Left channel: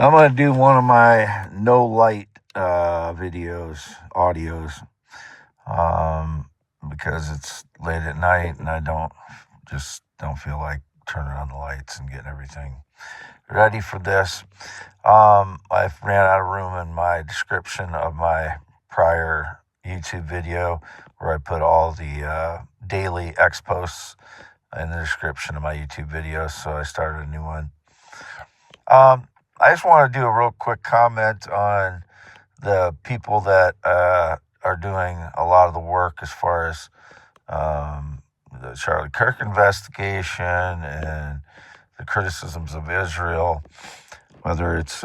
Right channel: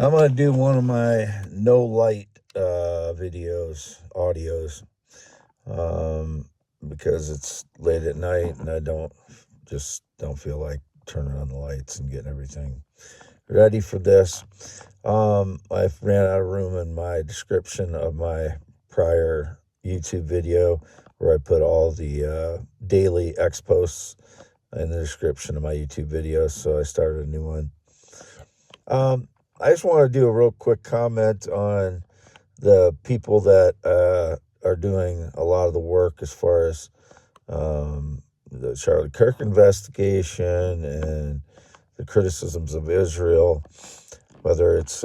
I'm going to do one of my no light audios, because it's late at night and I don't feel like turning on the lights and getting everything ready for this. I've ran out of room in my description of my prior YouTube video where I put all the daily X posts in the description of my YouTube videos, so I started a new one. I just want to do a real quick comment on the people that are doing a lot of the work as far as the Charlie Kirk investigation and the criticisms of Israel, whether it's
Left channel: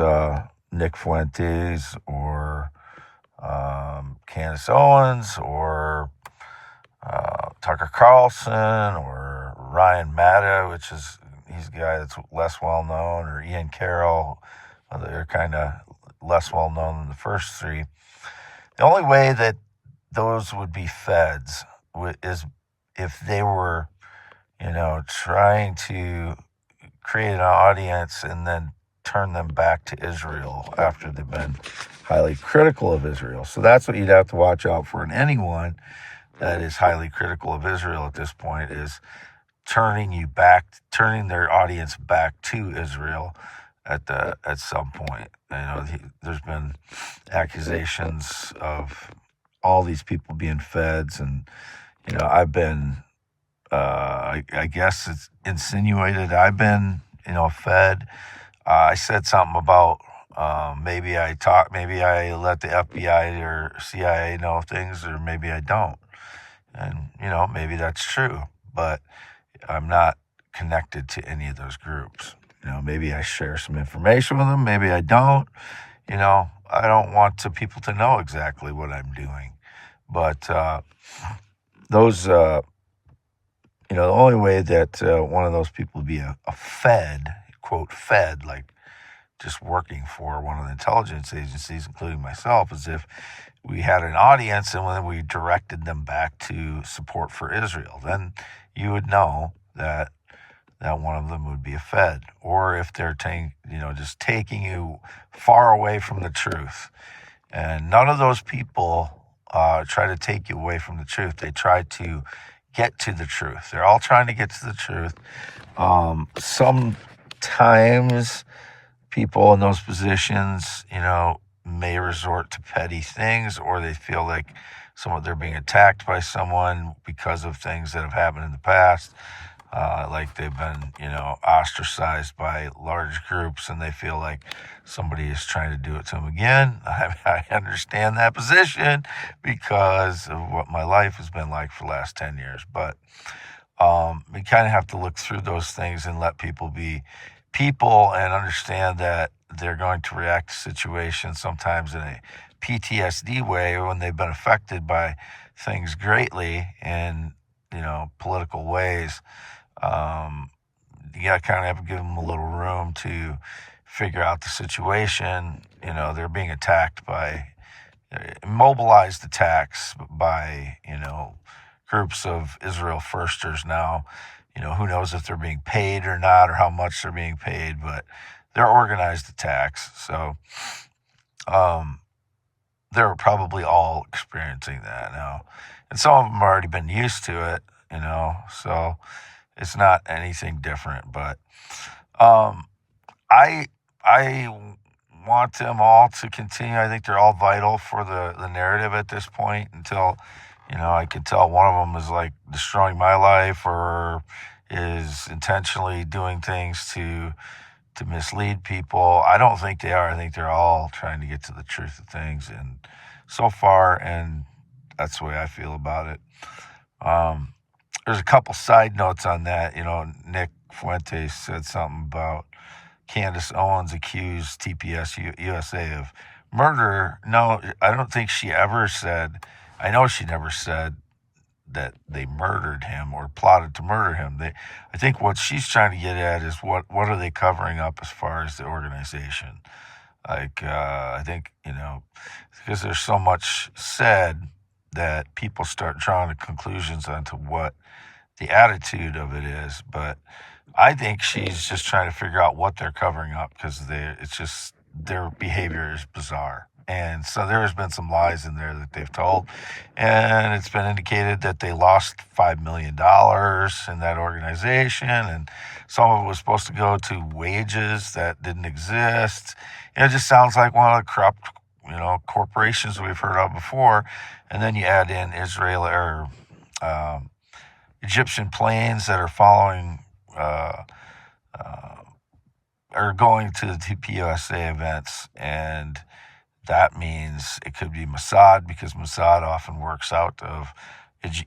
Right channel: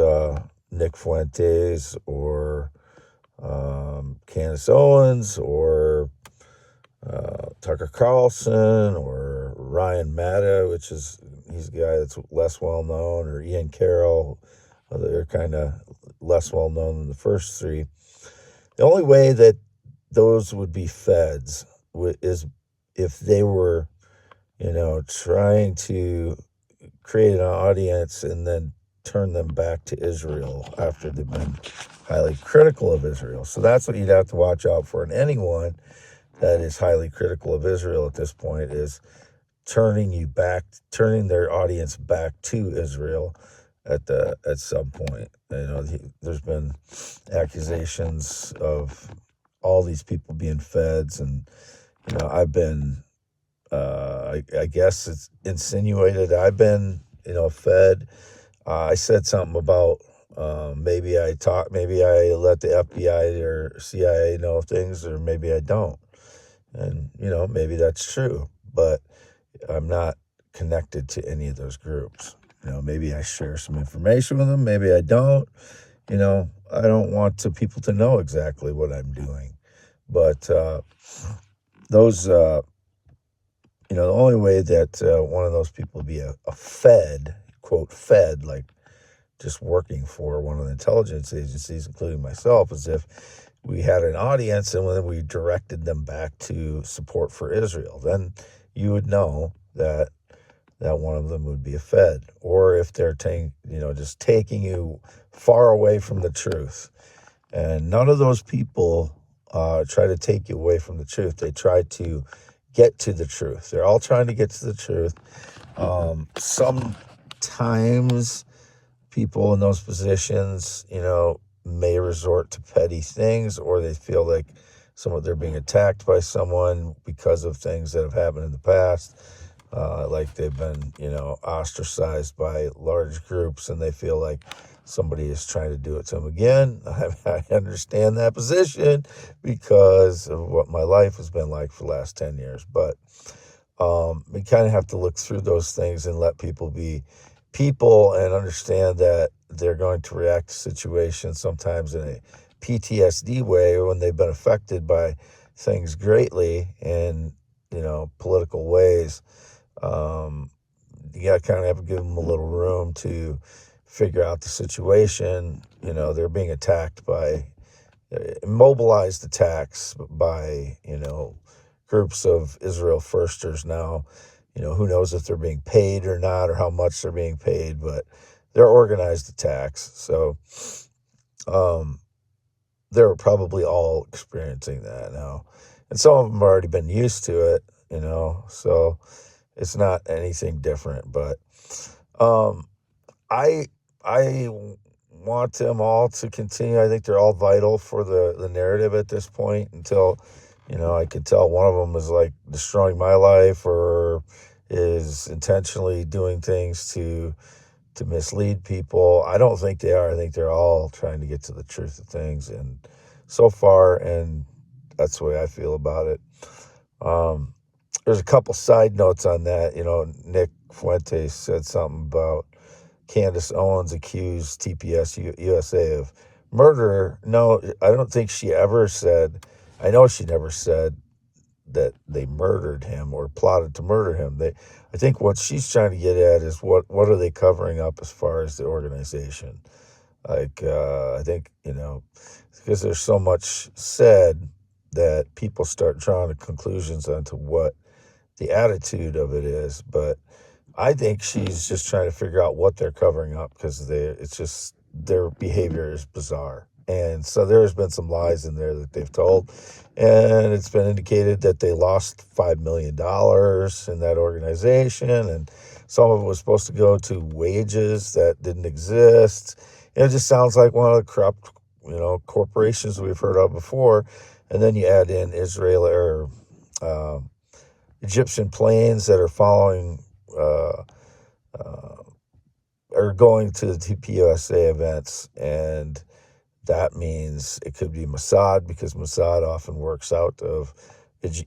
Nick Fuentes or Candace Owens or Tucker Carlson or Ryan Matta, he's a guy that's less well known, or Ian Carroll. They're kind of less well known than the first three. The only way that those would be feds is if they were, trying to create an audience and then turn them back to Israel after they've been highly critical of Israel. So that's what you'd have to watch out for. And anyone that is highly critical of Israel at this point is turning their audience back to Israel at some point. There's been accusations of all these people being feds, and I've been I guess it's insinuated I've been fed. I said something about maybe I let the FBI or CIA know things, or maybe I don't. And, maybe that's true, but I'm not connected to any of those groups. Maybe I share some information with them, maybe I don't. I don't want people to know exactly what I'm doing. But those, the only way that one of those people would be a fed, quote, fed, like just working for one of the intelligence agencies, including myself, is if we had an audience and then we directed them back to support for Israel. Then you would know that one of them would be a fed. Or if they're just taking you far away from the truth. And none of those people try to take you away from the truth. They try to get to the truth. They're all trying to get to the truth. Sometimes people in those positions, may resort to petty things, or they feel like they're being attacked by someone because of things that have happened in the past. Like they've been, ostracized by large groups, and they feel like somebody is trying to do it to them again. I understand that position because of what my life has been like for the last 10 years. But we kind of have to look through those things and let people be people and understand that they're going to react to situations sometimes in a PTSD way, or when they've been affected by things greatly in, political ways. You got to kind of have to give them a little room to figure out the situation. They're being attacked by mobilized attacks by, groups of Israel firsters now. Who knows if they're being paid or not, or how much they're being paid, but they're organized attacks. So they're probably all experiencing that now. And some of them have already been used to it, so it's not anything different. But I want them all to continue. I think they're all vital for the narrative at this point until, I can tell one of them is like destroying my life or is intentionally doing things to mislead people. I don't think they are. I think they're all trying to get to the truth of things. And so far, and that's the way I feel about it. There's a couple side notes on that. Nick Fuentes said something about Candace Owens accused TPUSA of murder. No, I don't think she ever said, I know she never said that they murdered him or plotted to murder him. I think what she's trying to get at is what are they covering up as far as the organization? Like, I think, because there's so much said that people start drawing the conclusions onto what the attitude of it is. But I think she's just trying to figure out what they're covering up, because it's just their behavior is bizarre. And so there has been some lies in there that they've told. And it's been indicated that they lost $5 million in that organization. And some of it was supposed to go to wages that didn't exist. It just sounds like one of the corrupt, corporations we've heard of before. And then you add in Israel or Egyptian planes that are following, are going to the TPUSA events, and that means it could be Mossad, because Mossad often works out of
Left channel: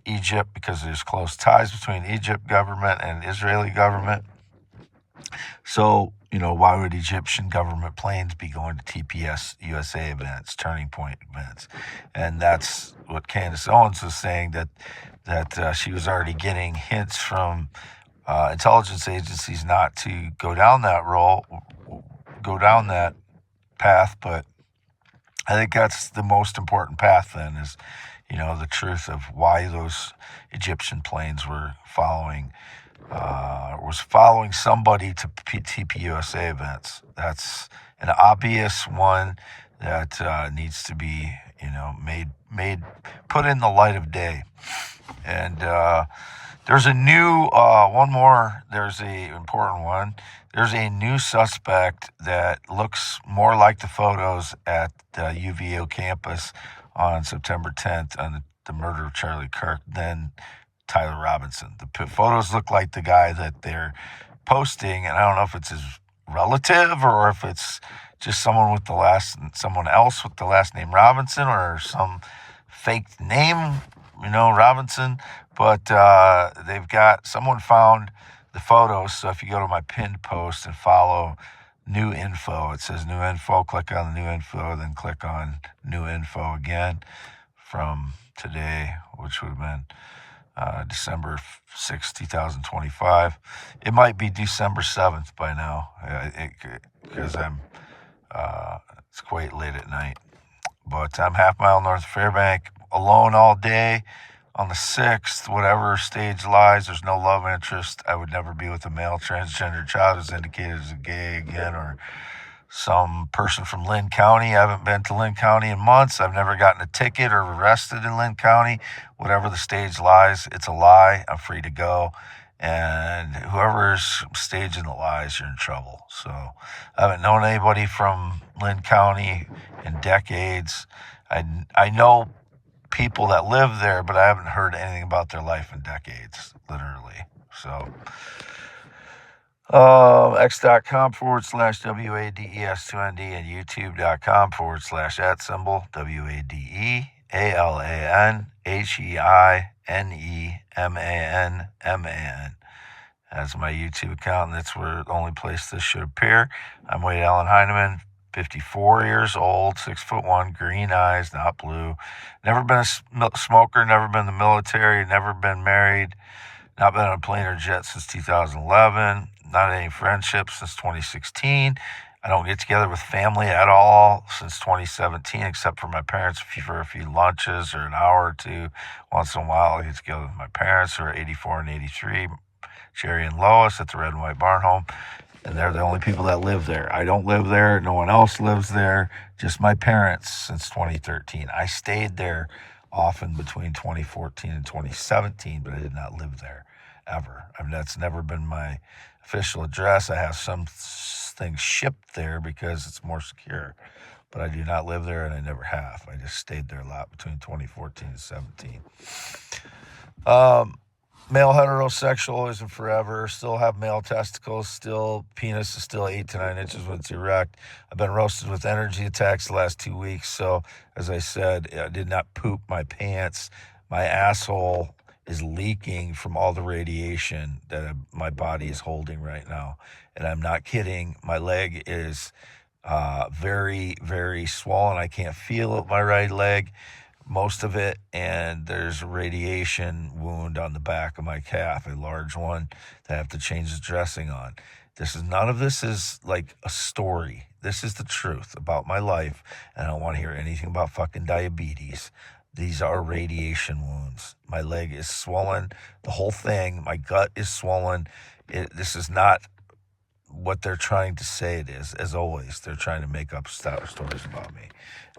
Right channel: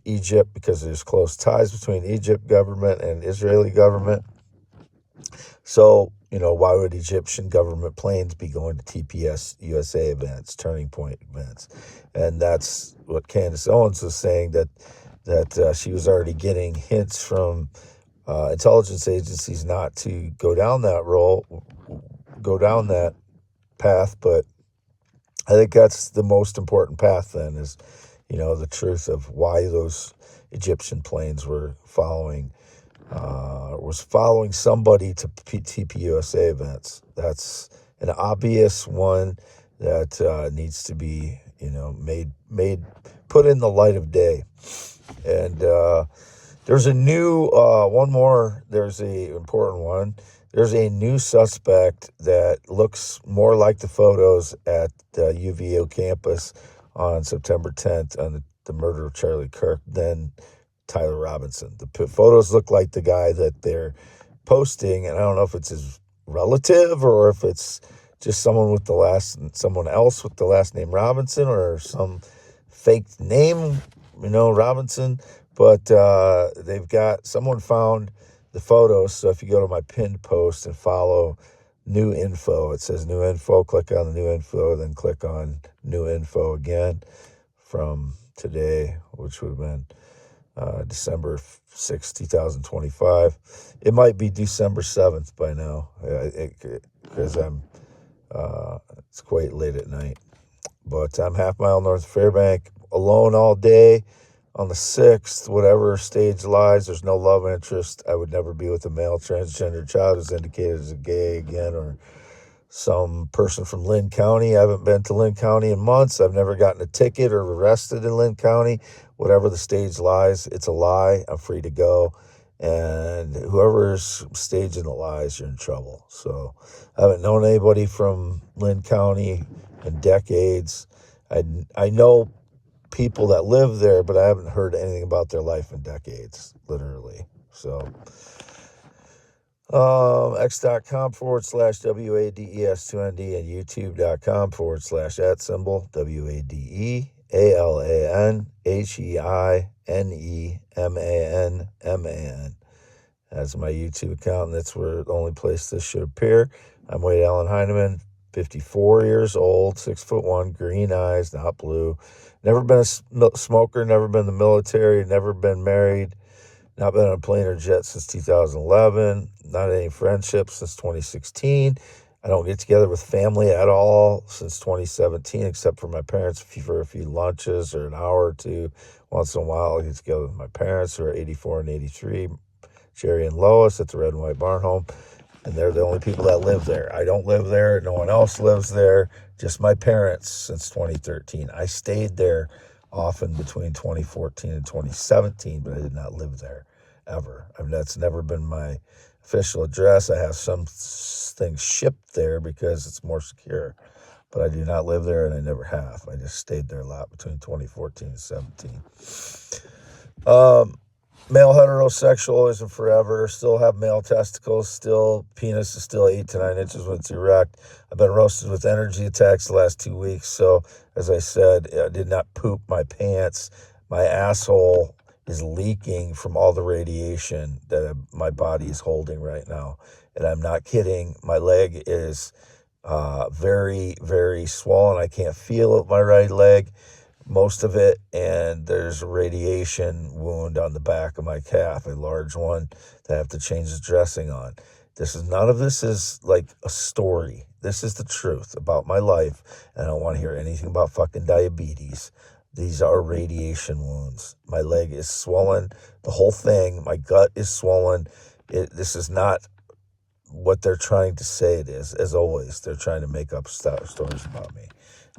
Egypt because there's close ties between Egypt government and Israeli government. So, why would Egyptian government planes be going to TPUSA events, Turning Point events? And that's what Candace Owens was saying, that she was already getting hints from intelligence agencies not to go down that path. But I think that's the most important path then, is, the truth of why those Egyptian planes were following somebody to TPUSA events. That's an obvious one that needs to be, put in the light of day. And there's a new there's a important one. There's a new suspect that looks more like the photos at the UVO campus on September 10th on the murder of Charlie Kirk than Tyler Robinson. The photos look like the guy that they're posting, and I don't know if it's his relative or if it's just someone else with the last name Robinson, or some fake name, Robinson. But someone found the photos. So if you go to my pinned post and follow new info, it says new info, click on the new info, then click on new info again from today, which would have been December 6, 2025. It might be December 7th by now, because it's quite late at night. But I'm half mile north of Fairbank, alone all day. On the 6th, whatever stage lies, there's no love interest. I would never be with a male transgender child who's indicated as a gay again, or some person from Lynn County. I haven't been to Lynn County in months. I've never gotten a ticket or arrested in Lynn County. Whatever the stage lies, it's a lie. I'm free to go. And whoever's staging the lies, you're in trouble. So I haven't known anybody from Lynn County in decades. I know people that live there, but I haven't heard anything about their life in decades, literally. So x.com/WADES2ND and youtube.com/@ WADEALANHEINEMANMAN. That's my YouTube account, and that's the only place this should appear. I'm Wade Allen Heineman, 54 years old, 6'1", green eyes, not blue. Never been a smoker, never been in the military, never been married, not been on a plane or jet since 2011, not any friendships since 2016. I don't get together with family at all since 2017, except for my parents for a few lunches or an hour or two. Once in a while, I get together with my parents, who are 84 and 83, Jerry and Lois, at the Red and White Barn Home. And they're the only people that live there. I don't live there. No one else lives there. Just my parents since 2013. I stayed there often between 2014 and 2017, but I did not live there ever. I mean, that's never been my official address. I have some things shipped there because it's more secure, but I do not live there, and I never have. I just stayed there a lot between 2014 and 17. Male heterosexual isn't forever. Still have male testicles. Still, penis is still 8 to 9 inches when it's erect. I've been roasted with energy attacks the last 2 weeks. So, as I said, I did not poop my pants. My asshole is leaking from all the radiation that my body is holding right now. And I'm not kidding. My leg is very, very swollen. I can't feel my right leg, most of it, and there's a radiation wound on the back of my calf, a large one that I have to change the dressing on. None of this is like a story. This is the truth about my life, and I don't want to hear anything about fucking diabetes. These are radiation wounds. My leg is swollen, the whole thing. My gut is swollen. This is not what they're trying to say it is. As always, they're trying to make up stories about me.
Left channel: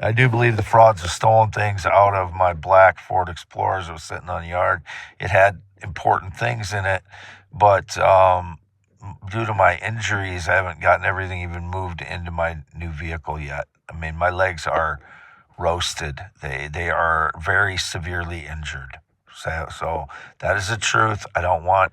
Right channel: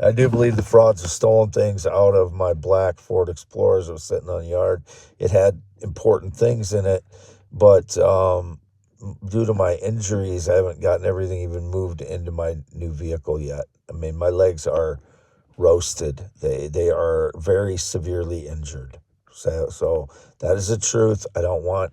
I do believe the frauds have stolen things out of my black Ford Explorer that was sitting on the yard. It had important things in it, but due to my injuries, I haven't gotten everything even moved into my new vehicle yet. I mean, my legs are roasted. They are very severely injured. So that is the truth. I don't want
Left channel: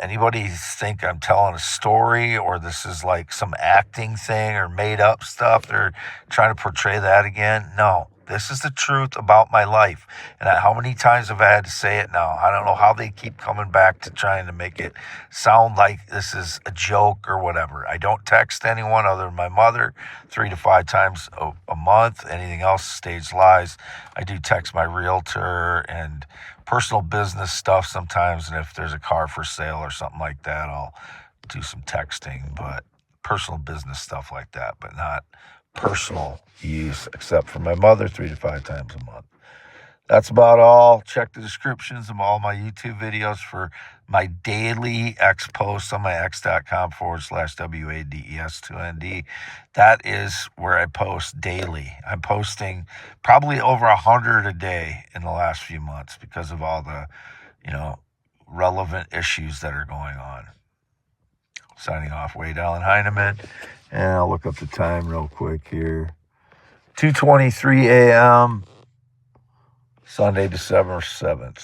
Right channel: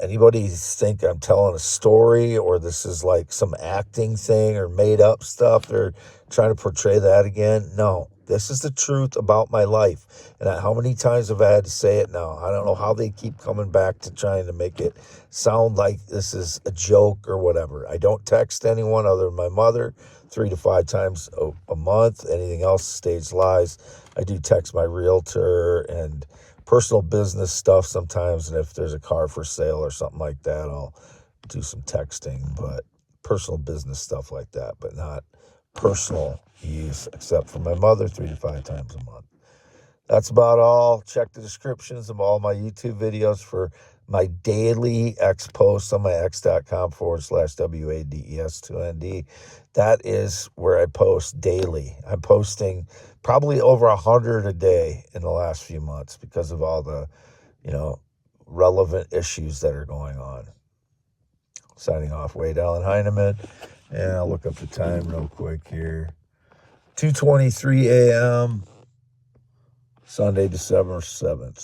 anybody think I'm telling a story or this is like some acting thing or made up stuff. They're trying to portray that again. No, this is the truth about my life. And how many times have I had to say it now? I don't know how they keep coming back to trying to make it sound like this is a joke or whatever. I don't text anyone other than my mother 3 to 5 times a month. Anything else, stage lies. I do text my realtor and personal business stuff sometimes, and if there's a car for sale or something like that, I'll do some texting, but personal business stuff like that, but not personal use, except for my mother 3 to 5 times a month. That's about all. Check the descriptions of all my YouTube videos for my daily X posts on my x.com/WADES2ND. That is where I post daily. I'm posting probably over 100 a day in the last few months because of all the, relevant issues that are going on. Signing off, Wade Allen Heineman. And I'll look up the time real quick here. 2:23 a.m. Sunday, December 7th.